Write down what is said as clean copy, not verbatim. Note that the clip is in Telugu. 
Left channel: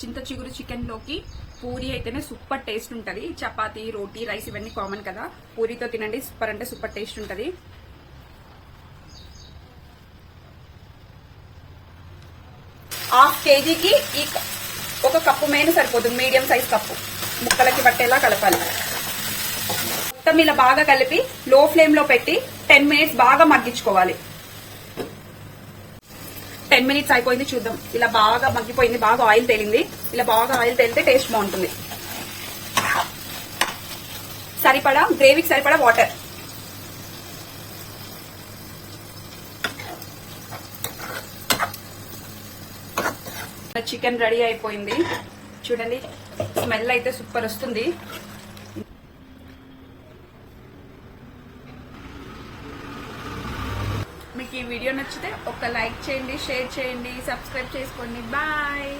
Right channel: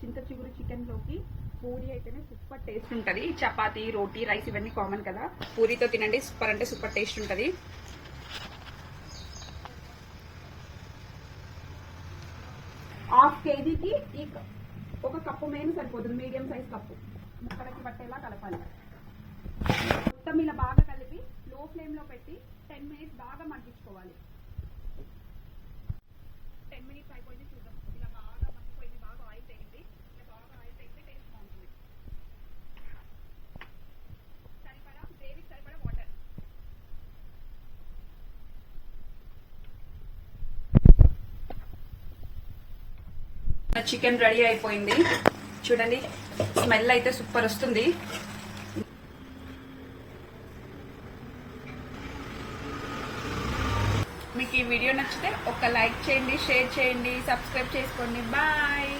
చింత చిగురు చికెన్ లోకి పూరి అయితేనే సూపర్ టేస్ట్ ఉంటుంది. చపాతీ, రోటీ, రైస్ ఇవన్నీ కామన్ కదా. పూరితో తినండి, సూపర్ అంటే సూపర్ టేస్ట్ ఉంటుంది. హాఫ్ కేజీకి ఈ ఒక కప్పు మేను సరిపోతుంది. మీడియం సైజ్ కప్పు ముక్కలకి పట్టేలా కలపాలి. మొత్తం ఇలా బాగా కలిపి లో ఫ్లేమ్ లో పెట్టి 10 మినిట్స్ బాగా మగ్గించుకోవాలి. 10 మినిట్స్ అయిపోయింది, చూద్దాం. ఇలా బాగా మగ్గిపోయింది, బాగా ఆయిల్ తేలింది. ఇలా బాగా ఆయిల్ తేలితే టేస్ట్ బాగుంటుంది. సరిపడా గ్రేవీకి సరిపడా వాటర్. చికెన్ రెడీ అయిపోయింది. చూడండి, స్మెల్ అయితే సూపర్ వస్తుంది. మీకు ఈ వీడియో నచ్చితే ఒక లైక్ చేయండి, షేర్ చేయండి, సబ్స్క్రైబ్ చేసుకోండి. బాయ్.